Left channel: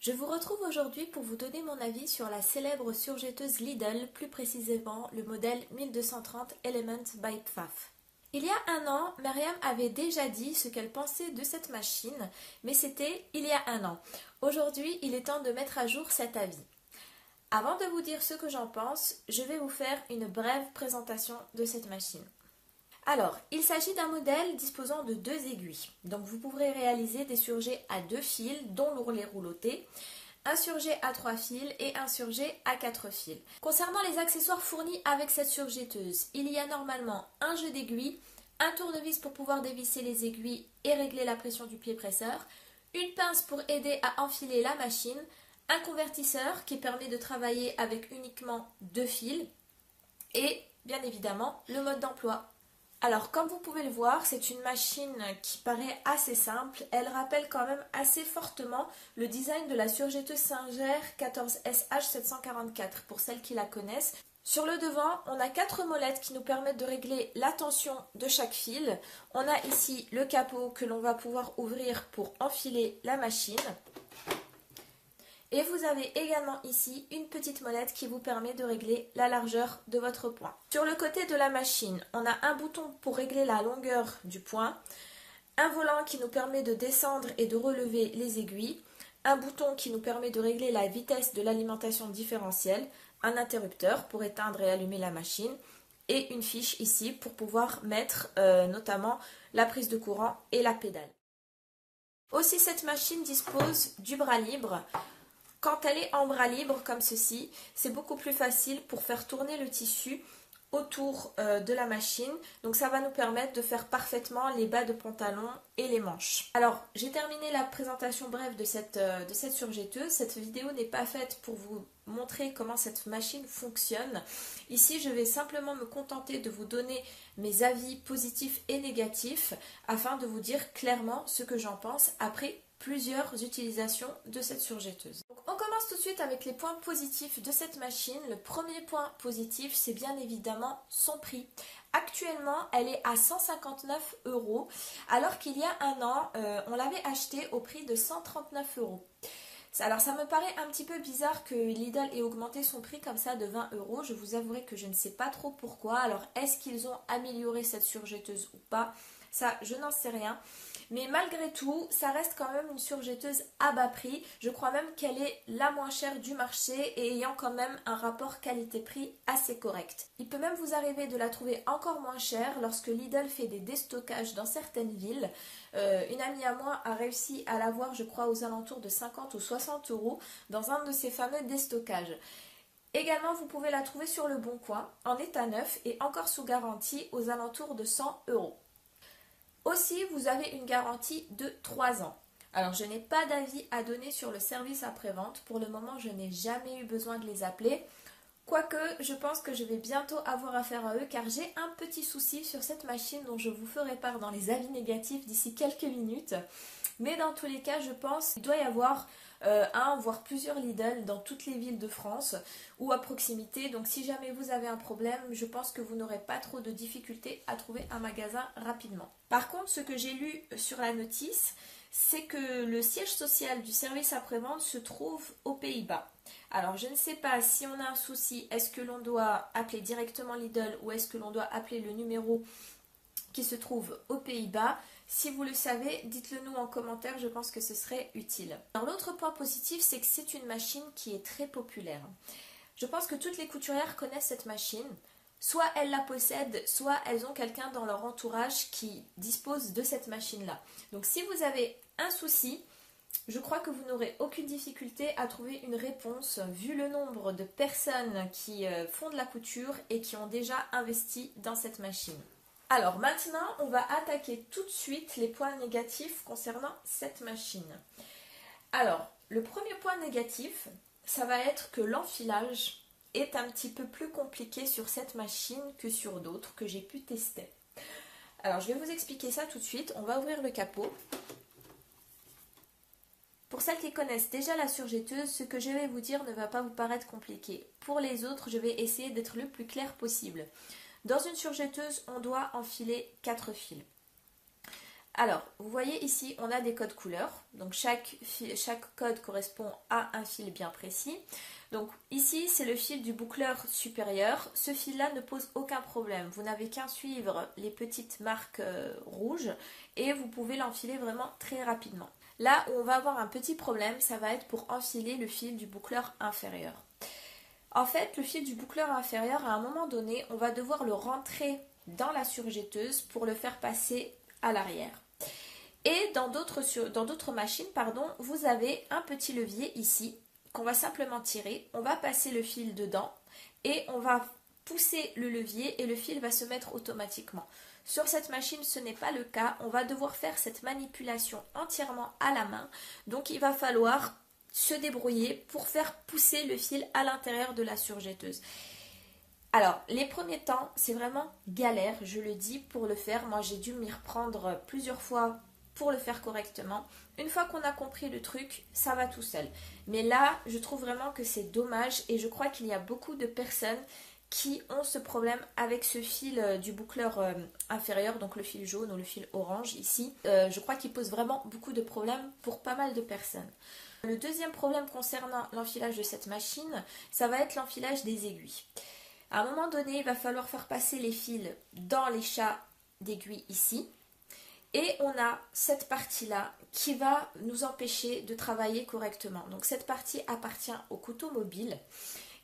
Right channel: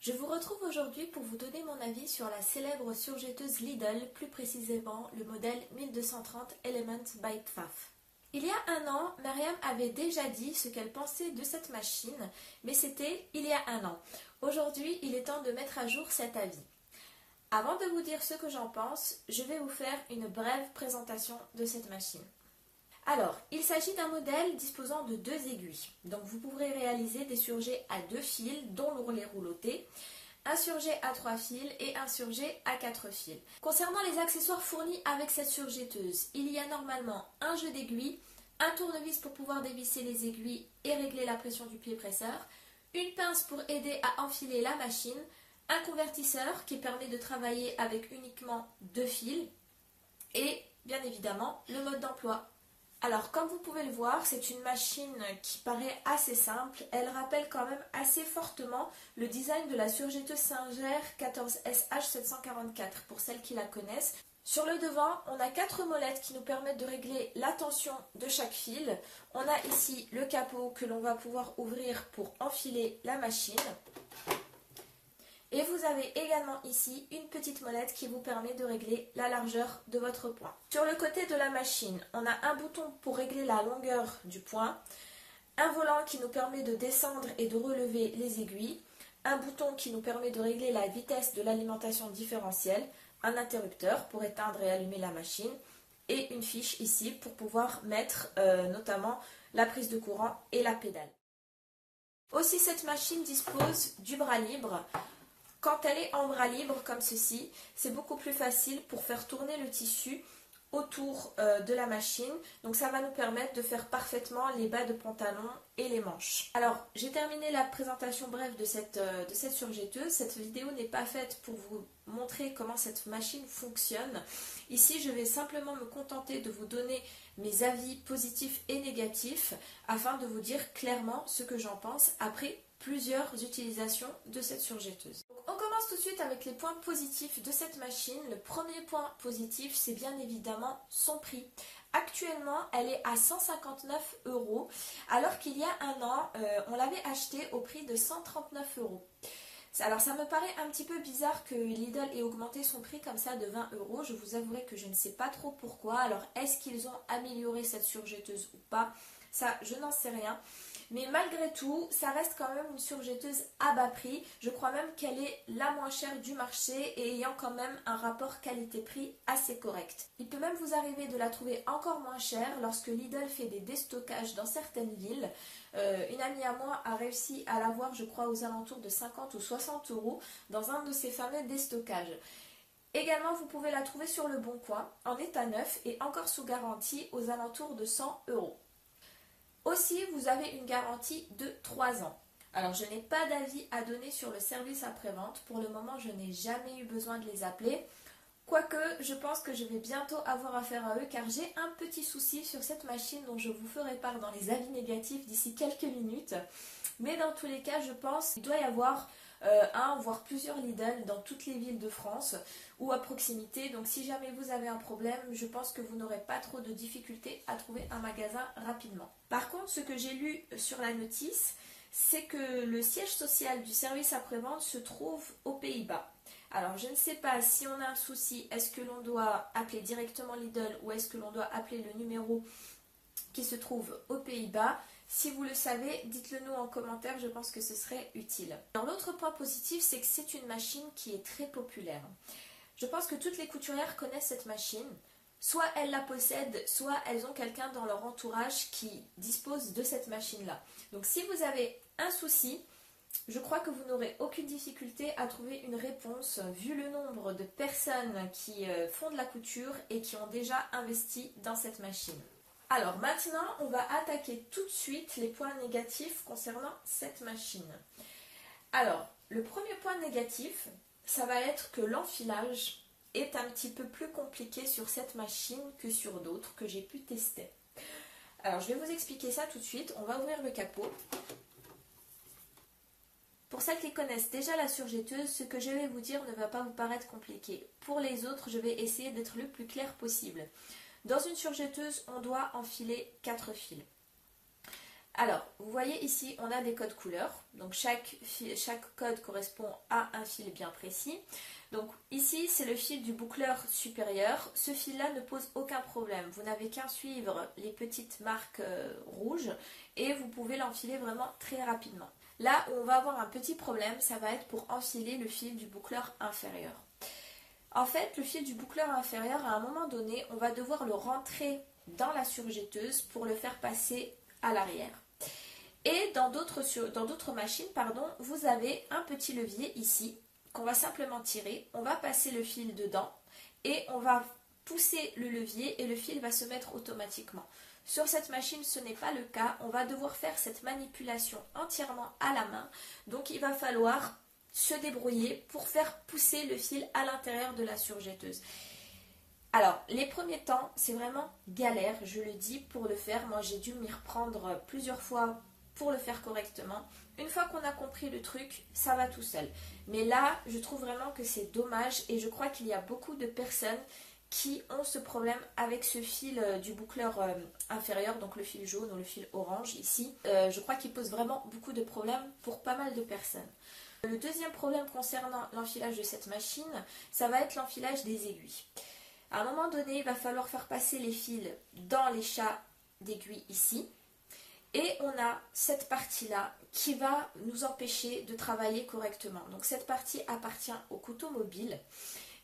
Je vous retrouve aujourd'hui pour vous donner mon avis sur la célèbre surjetteuse Lidl, plus précisément le modèle 1230 Element by Pfaff. Il y a un an, Myriam avait déjà dit ce qu'elle pensait de cette machine, mais c'était il y a un an. Aujourd'hui, il est temps de mettre à jour cet avis. Avant de vous dire ce que j'en pense, je vais vous faire une brève présentation de cette machine. Alors, il s'agit d'un modèle disposant de deux aiguilles. Donc vous pourrez réaliser des surjets à 2 fils, dont l'ourlet rouloté, un surjet à 3 fils et un surjet à 4 fils. Concernant les accessoires fournis avec cette surjetteuse, il y a normalement un jeu d'aiguilles, un tournevis pour pouvoir dévisser les aiguilles et régler la pression du pied presseur, une pince pour aider à enfiler la machine, un convertisseur qui permet de travailler avec uniquement 2 fils et bien évidemment le mode d'emploi. Alors, comme vous pouvez le voir, c'est une machine qui paraît assez simple. Elle rappelle quand même assez fortement le design de la surjetteuse Singer 14SH744, pour celles qui la connaissent. Sur le devant, on a 4 molettes qui nous permettent de régler la tension de chaque fil. On a ici le capot que l'on va pouvoir ouvrir pour enfiler la machine. Et vous avez également ici une petite molette qui vous permet de régler la largeur de votre point. Sur le côté de la machine, on a un bouton pour régler la longueur du point, un volant qui nous permet de descendre et de relever les aiguilles, un bouton qui nous permet de régler la vitesse de l'alimentation différentielle, un interrupteur pour éteindre et allumer la machine, et une fiche ici pour pouvoir mettre notamment la prise de courant et la pédale. Aussi, cette machine dispose du bras libre. Quand elle est en bras libre comme ceci, c'est beaucoup plus facile pour faire tourner le tissu autour de la machine. Donc ça va nous permettre de faire parfaitement les bas de pantalon et les manches. Alors, j'ai terminé la présentation brève de cette surjetteuse. Cette vidéo n'est pas faite pour vous montrer comment cette machine fonctionne. Ici, je vais simplement me contenter de vous donner mes avis positifs et négatifs afin de vous dire clairement ce que j'en pense après plusieurs utilisations de cette surjetteuse. Donc, on commence tout de suite avec les points positifs de cette machine. Le premier point positif, c'est bien évidemment son prix. Actuellement, elle est à 159 €, alors qu'il y a un an, on l'avait achetée au prix de 139 €. Alors ça me paraît un petit peu bizarre que Lidl ait augmenté son prix comme ça de 20 €. Je vous avouerai que je ne sais pas trop pourquoi. Alors est-ce qu'ils ont amélioré cette surjetteuse ou pas? Ça, je n'en sais rien. Mais malgré tout, ça reste quand même une surjetteuse à bas prix. Je crois même qu'elle est la moins chère du marché et ayant quand même un rapport qualité-prix assez correct. Il peut même vous arriver de la trouver encore moins chère lorsque Lidl fait des déstockages dans certaines villes. Une amie à moi a réussi à l'avoir, je crois, aux alentours de 50 ou 60 € dans un de ces fameux déstockages. Également, vous pouvez la trouver sur le Bon Coin, en état neuf et encore sous garantie aux alentours de 100 €. Aussi, vous avez une garantie de 3 ans. Alors, je n'ai pas d'avis à donner sur le service après-vente. Pour le moment, je n'ai jamais eu besoin de les appeler. Quoique, je pense que je vais bientôt avoir affaire à eux car j'ai un petit souci sur cette machine dont je vous ferai part dans les avis négatifs d'ici quelques minutes. Mais dans tous les cas, je pense qu'il doit y avoir un voire plusieurs Lidl dans toutes les villes de France ou à proximité. Donc si jamais vous avez un problème, je pense que vous n'aurez pas trop de difficultés à trouver un magasin rapidement. Par contre, ce que j'ai lu sur la notice, c'est que le siège social du service après-vente se trouve aux Pays-Bas. Alors je ne sais pas si on a un souci, est-ce que l'on doit appeler directement Lidl ou est-ce que l'on doit appeler le numéro qui se trouve aux Pays-Bas? Si vous le savez, dites-le nous en commentaire, je pense que ce serait utile. Alors l'autre point positif, c'est que c'est une machine qui est très populaire. Je pense que toutes les couturières connaissent cette machine. Soit elles la possèdent, soit elles ont quelqu'un dans leur entourage qui dispose de cette machine-là. Donc si vous avez un souci, je crois que vous n'aurez aucune difficulté à trouver une réponse vu le nombre de personnes qui font de la couture et qui ont déjà investi dans cette machine. Alors maintenant, on va attaquer tout de suite les points négatifs concernant cette machine. Alors, le premier point négatif, ça va être que l'enfilage est un petit peu plus compliqué sur cette machine que sur d'autres que j'ai pu tester. Alors, je vais vous expliquer ça tout de suite. On va ouvrir le capot. Pour celles qui connaissent déjà la surjetteuse, ce que je vais vous dire ne va pas vous paraître compliqué. Pour les autres, je vais essayer d'être le plus clair possible. Dans une surjetteuse, on doit enfiler 4 fils. Alors, vous voyez ici, on a des codes couleurs. Donc, chaque code correspond à un fil bien précis. Donc, ici, c'est le fil du boucleur supérieur. Ce fil-là ne pose aucun problème. Vous n'avez qu'à suivre les petites marques rouges et vous pouvez l'enfiler vraiment très rapidement. Là où on va avoir un petit problème, ça va être pour enfiler le fil du boucleur inférieur. En fait, le fil du boucleur inférieur, à un moment donné, on va devoir le rentrer dans la surjetteuse pour le faire passer à l'arrière. Et dans d'autres machines, vous avez un petit levier ici qu'on va simplement tirer. On va passer le fil dedans et on va pousser le levier et le fil va se mettre automatiquement. Sur cette machine, ce n'est pas le cas. On va devoir faire cette manipulation entièrement à la main. Donc, il va falloir se débrouiller pour faire pousser le fil à l'intérieur de la surjetteuse. Alors, les premiers temps, c'est vraiment galère, je le dis, pour le faire. Moi, j'ai dû m'y reprendre plusieurs fois pour le faire correctement. Une fois qu'on a compris le truc, ça va tout seul. Mais là, je trouve vraiment que c'est dommage et je crois qu'il y a beaucoup de personnes qui ont ce problème avec ce fil du boucleur inférieur, donc le fil jaune ou le fil orange ici. Je crois qu'il pose vraiment beaucoup de problèmes pour pas mal de personnes. Le deuxième problème concernant l'enfilage de cette machine, ça va être l'enfilage des aiguilles. À un moment donné, il va falloir faire passer les fils dans les chats d'aiguilles ici. Et on a cette partie-là qui va nous empêcher de travailler correctement. Donc cette partie appartient au couteau mobile.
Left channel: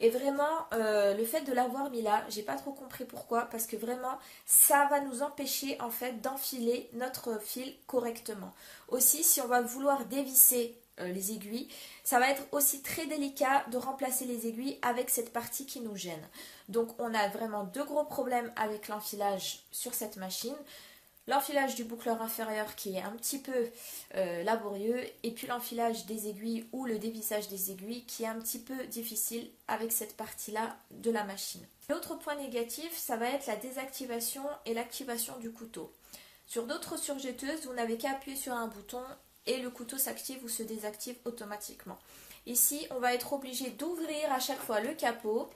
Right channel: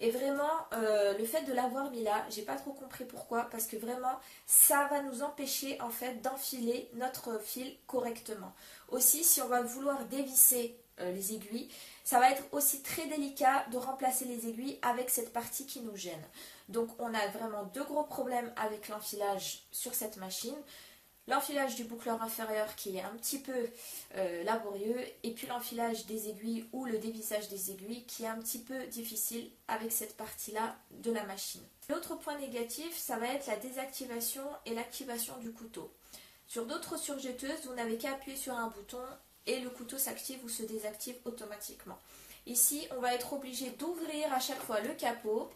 Et vraiment, le fait de l'avoir mis là, j'ai pas trop compris pourquoi, parce que vraiment, ça va nous empêcher en fait d'enfiler notre fil correctement. Aussi, si on va vouloir dévisser les aiguilles, ça va être aussi très délicat de remplacer les aiguilles avec cette partie qui nous gêne. Donc on a vraiment deux gros problèmes avec l'enfilage sur cette machine. L'enfilage du boucleur inférieur qui est un petit peu laborieux et puis l'enfilage des aiguilles ou le dévissage des aiguilles qui est un petit peu difficile avec cette partie-là de la machine. L'autre point négatif, ça va être la désactivation et l'activation du couteau. Sur d'autres surjetteuses, vous n'avez qu'à appuyer sur un bouton et le couteau s'active ou se désactive automatiquement. Ici, on va être obligé d'ouvrir à chaque fois le capot,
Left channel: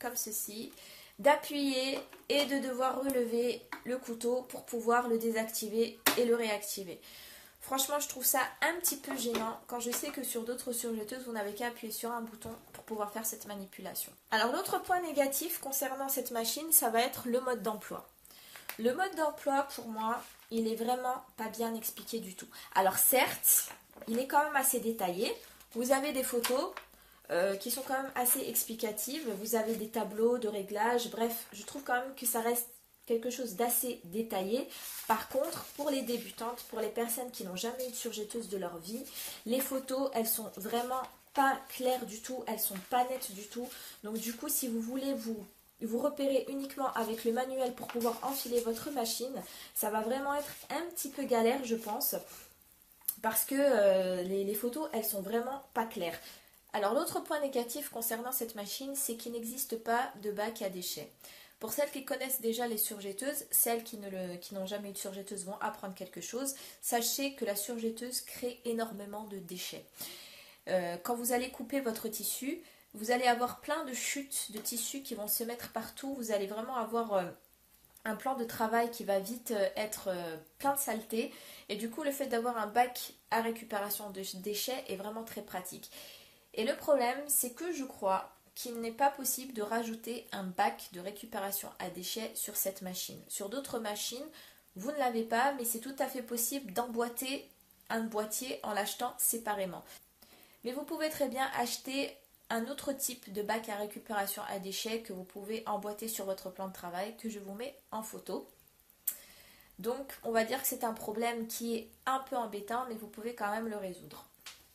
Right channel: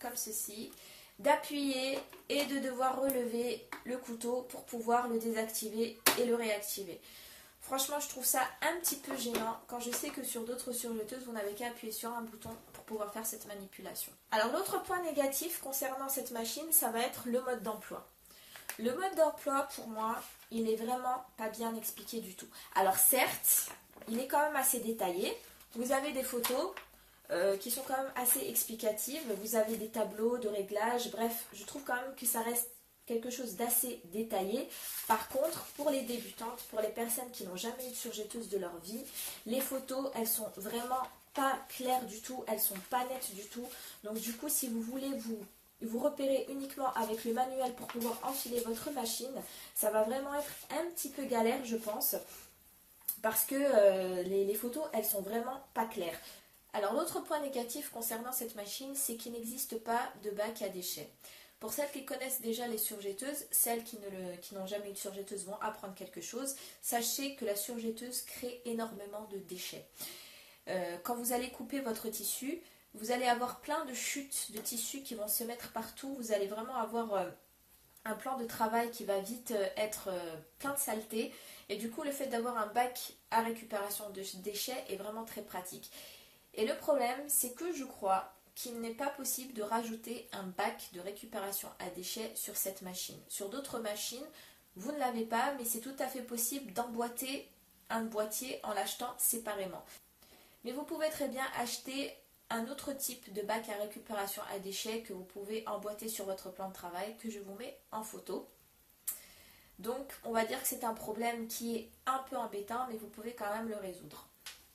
comme ceci, d'appuyer et de devoir relever le couteau pour pouvoir le désactiver et le réactiver. Franchement, je trouve ça un petit peu gênant quand je sais que sur d'autres surjetteuses, vous n'avez qu'à appuyer sur un bouton pour pouvoir faire cette manipulation. Alors, l'autre point négatif concernant cette machine, ça va être le mode d'emploi. Le mode d'emploi, pour moi, il est vraiment pas bien expliqué du tout. Alors certes, il est quand même assez détaillé. Vous avez des photos qui sont quand même assez explicatives. Vous avez des tableaux de réglage. Bref, je trouve quand même que ça reste quelque chose d'assez détaillé. Par contre, pour les débutantes, pour les personnes qui n'ont jamais eu de surjetteuse de leur vie, les photos, elles sont vraiment pas claires du tout. Elles sont pas nettes du tout. Donc du coup, si vous voulez vous repérez uniquement avec le manuel pour pouvoir enfiler votre machine, ça va vraiment être un petit peu galère, je pense, parce que les photos, elles sont vraiment pas claires. Alors l'autre point négatif concernant cette machine, c'est qu'il n'existe pas de bac à déchets. Pour celles qui connaissent déjà les surjetteuses, celles qui n'ont jamais eu de surjetteuse vont apprendre quelque chose. Sachez que la surjetteuse crée énormément de déchets. Quand vous allez couper votre tissu, vous allez avoir plein de chutes de tissu qui vont se mettre partout. Vous allez vraiment avoir un plan de travail qui va vite être plein de saleté. Et du coup, le fait d'avoir un bac à récupération de déchets est vraiment très pratique. Et le problème, c'est que je crois qu'il n'est pas possible de rajouter un bac de récupération à déchets sur cette machine. Sur d'autres machines, vous ne l'avez pas, mais c'est tout à fait possible d'emboîter un boîtier en l'achetant séparément. Mais vous pouvez très bien acheter un autre type de bac à récupération à déchets que vous pouvez emboîter sur votre plan de travail, que je vous mets en photo. Donc, on va dire que c'est un problème qui est un peu embêtant, mais vous pouvez quand même le résoudre.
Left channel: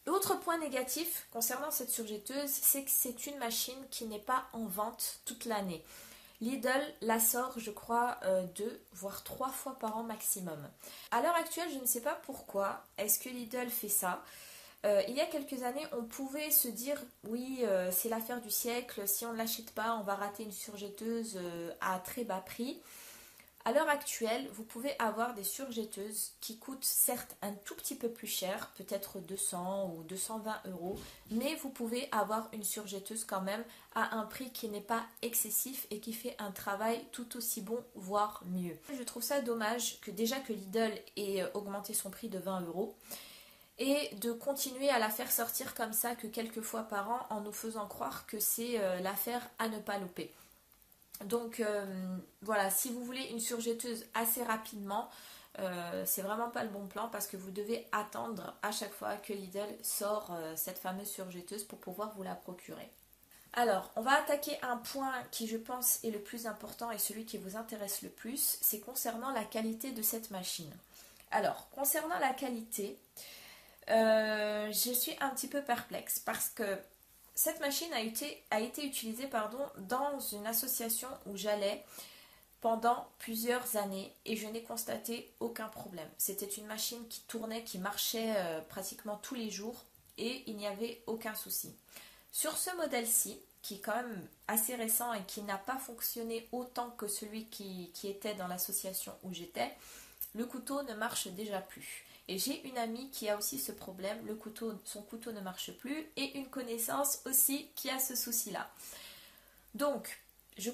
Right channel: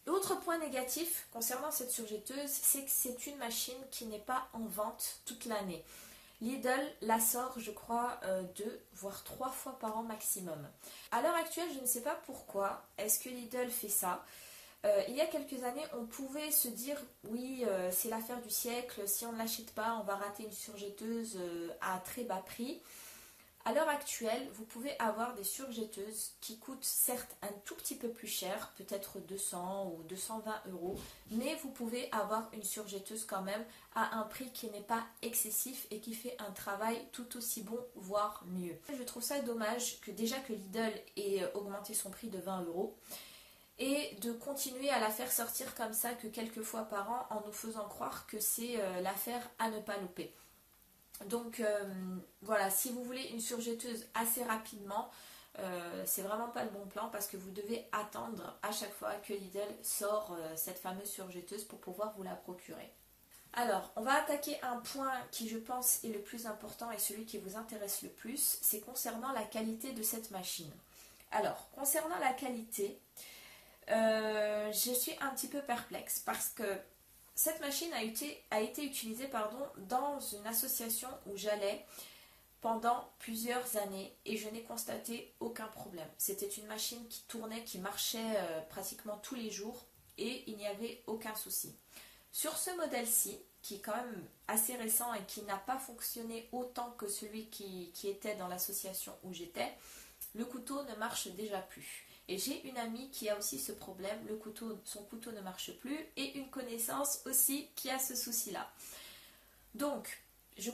L'autre point négatif concernant cette surjetteuse, c'est que c'est une machine qui n'est pas en vente toute l'année. Lidl la sort, je crois, 2 voire 3 fois par an maximum. À l'heure actuelle, je ne sais pas pourquoi est-ce que Lidl fait ça. Il y a quelques années, on pouvait se dire oui, c'est l'affaire du siècle, si on ne l'achète pas, on va rater une surjetteuse à très bas prix. À l'heure actuelle, vous pouvez avoir des surjetteuses qui coûtent certes un tout petit peu plus cher, peut-être 200 ou 220 euros, mais vous pouvez avoir une surjetteuse quand même à un prix qui n'est pas excessif et qui fait un travail tout aussi bon, voire mieux. Je trouve ça dommage que déjà que Lidl ait augmenté son prix de 20 euros et de continuer à la faire sortir comme ça que quelques fois par an en nous faisant croire que c'est l'affaire à ne pas louper. Donc voilà, si vous voulez une surjetteuse assez rapidement, c'est vraiment pas le bon plan parce que vous devez attendre à chaque fois que Lidl sort cette fameuse surjetteuse pour pouvoir vous la procurer. Alors, on va attaquer un point qui je pense est le plus important et celui qui vous intéresse le plus, c'est concernant la qualité de cette machine. Alors, concernant la qualité, je suis un petit peu perplexe parce que cette machine a été utilisée dans une association où j'allais pendant plusieurs années et je n'ai constaté aucun problème. C'était une machine qui tournait, qui marchait pratiquement tous les jours et il n'y avait aucun souci. Sur ce modèle-ci, qui est quand même assez récent et qui n'a pas fonctionné autant que celui qui était dans l'association où j'étais, le couteau ne marche déjà plus. Et j'ai une amie qui a aussi ce problème, son couteau ne marche plus, et une connaissance aussi qui a ce souci-là. Donc, je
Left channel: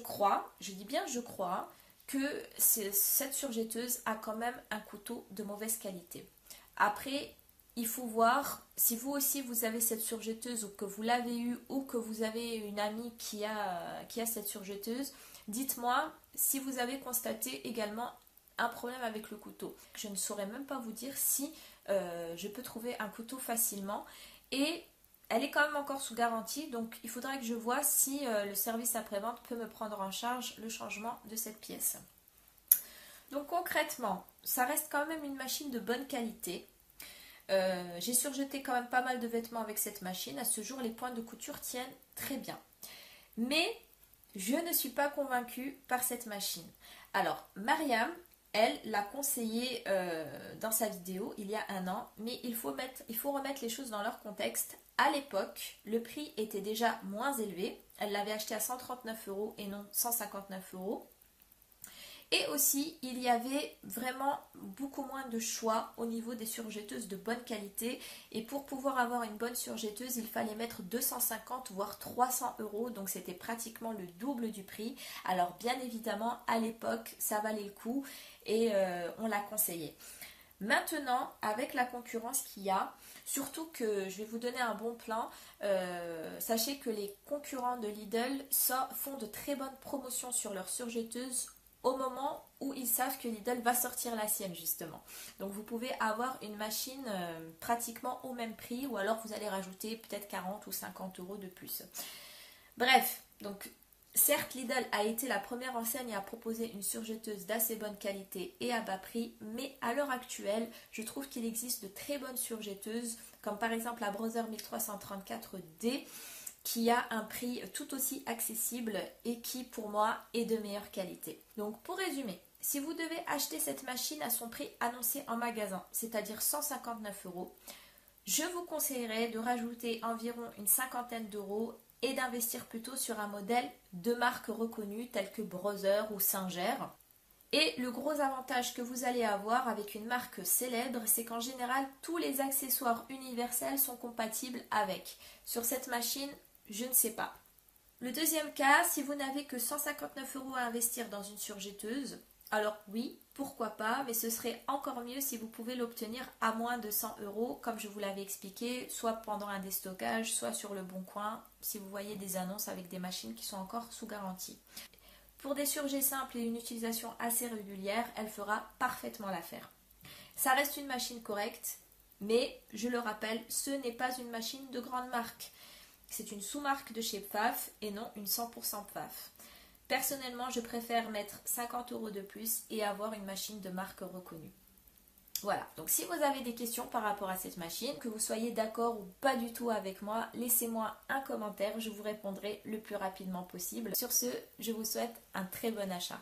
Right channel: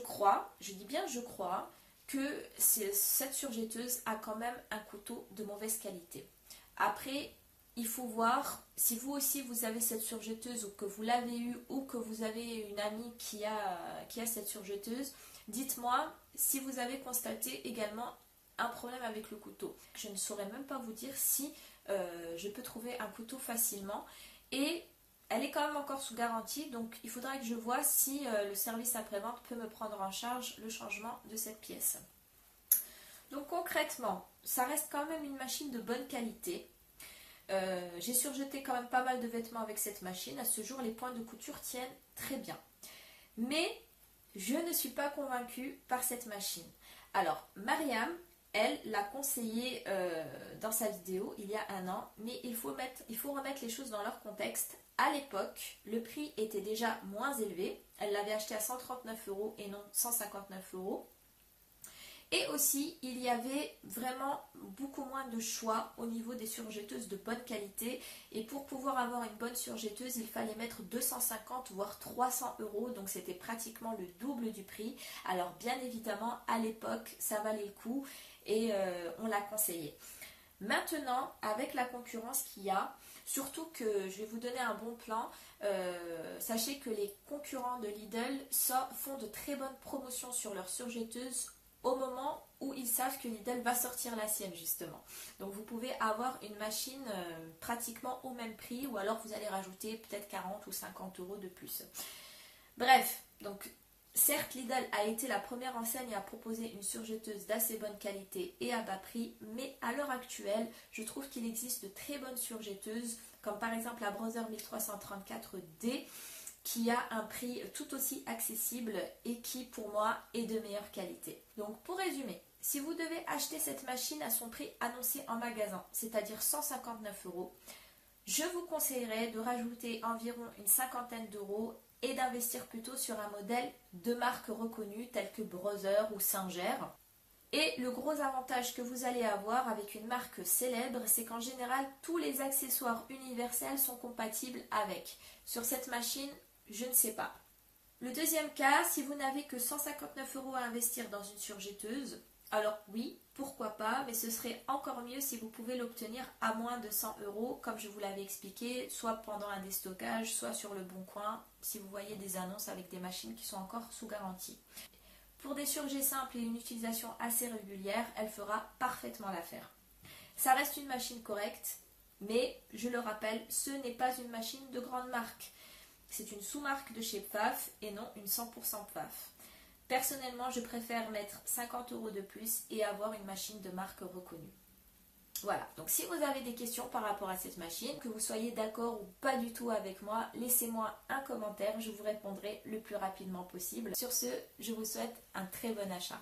dis bien je crois, que cette surjetteuse a quand même un couteau de mauvaise qualité. Après, il faut voir si vous aussi vous avez cette surjetteuse ou que vous l'avez eue ou que vous avez une amie qui a cette surjetteuse. Dites-moi si vous avez constaté également un problème avec le couteau. Je ne saurais même pas vous dire si je peux trouver un couteau facilement et elle est quand même encore sous garantie, donc il faudra que je vois si le service après-vente peut me prendre en charge le changement de cette pièce. Donc concrètement, ça reste quand même une machine de bonne qualité. J'ai surjeté quand même pas mal de vêtements avec cette machine. À ce jour, les points de couture tiennent très bien. Mais je ne suis pas convaincue par cette machine. Alors, Mariam, elle l'a conseillé dans sa vidéo il y a un an, mais il faut remettre les choses dans leur contexte. À l'époque, le prix était déjà moins élevé. Elle l'avait acheté à 139 euros et non 159 euros. Et aussi, il y avait vraiment beaucoup moins de choix au niveau des surjetteuses de bonne qualité. Et pour pouvoir avoir une bonne surjetteuse, il fallait mettre 250 voire 300 euros. Donc c'était pratiquement le double du prix. Alors bien évidemment, à l'époque, ça valait le coup et on l'a conseillé. Maintenant, avec la concurrence qu'il y a, surtout que je vais vous donner un bon plan, sachez que les concurrents de Lidl font de très bonnes promotions sur leurs surjetteuses au moment où ils savent que Lidl va sortir la sienne justement. Donc vous pouvez avoir une machine pratiquement au même prix ou alors vous allez rajouter peut-être 40 ou 50 euros de plus. Bref, donc certes Lidl a été la première enseigne à proposer une surjetteuse d'assez bonne qualité et à bas prix, mais à l'heure actuelle, je trouve qu'il existe de très bonnes surjetteuses comme par exemple la Brother 1334D qui a un prix tout aussi accessible et qui pour moi est de meilleure qualité. Donc pour résumer, si vous devez acheter cette machine à son prix annoncé en magasin, c'est-à-dire 159 euros, je vous conseillerais de rajouter environ une cinquantaine d'euros et d'investir plutôt sur un modèle de marque reconnue tel que Brother ou Singer. Et le gros avantage que vous allez avoir avec une marque célèbre, c'est qu'en général, tous les accessoires universels sont compatibles avec. Sur cette machine, je ne sais pas. Le deuxième cas, si vous n'avez que 159 euros à investir dans une surjetteuse, alors oui, pourquoi pas, mais ce serait encore mieux si vous pouvez l'obtenir à moins de 100 euros, comme je vous l'avais expliqué, soit pendant un déstockage, soit sur le Bon Coin, si vous voyez des annonces avec des machines qui sont encore sous garantie. Pour des surjets simples et une utilisation assez régulière, elle fera parfaitement l'affaire. Ça reste une machine correcte, mais je le rappelle, ce n'est pas une machine de grande marque. C'est une sous-marque de chez Pfaff et non une 100% Pfaff. Personnellement, je préfère mettre 50 euros de plus et avoir une machine de marque reconnue. Voilà, donc si vous avez des questions par rapport à cette machine, que vous soyez d'accord ou pas du tout avec moi, laissez-moi un commentaire, je vous répondrai le plus rapidement possible. Sur ce, je vous souhaite un très bon achat.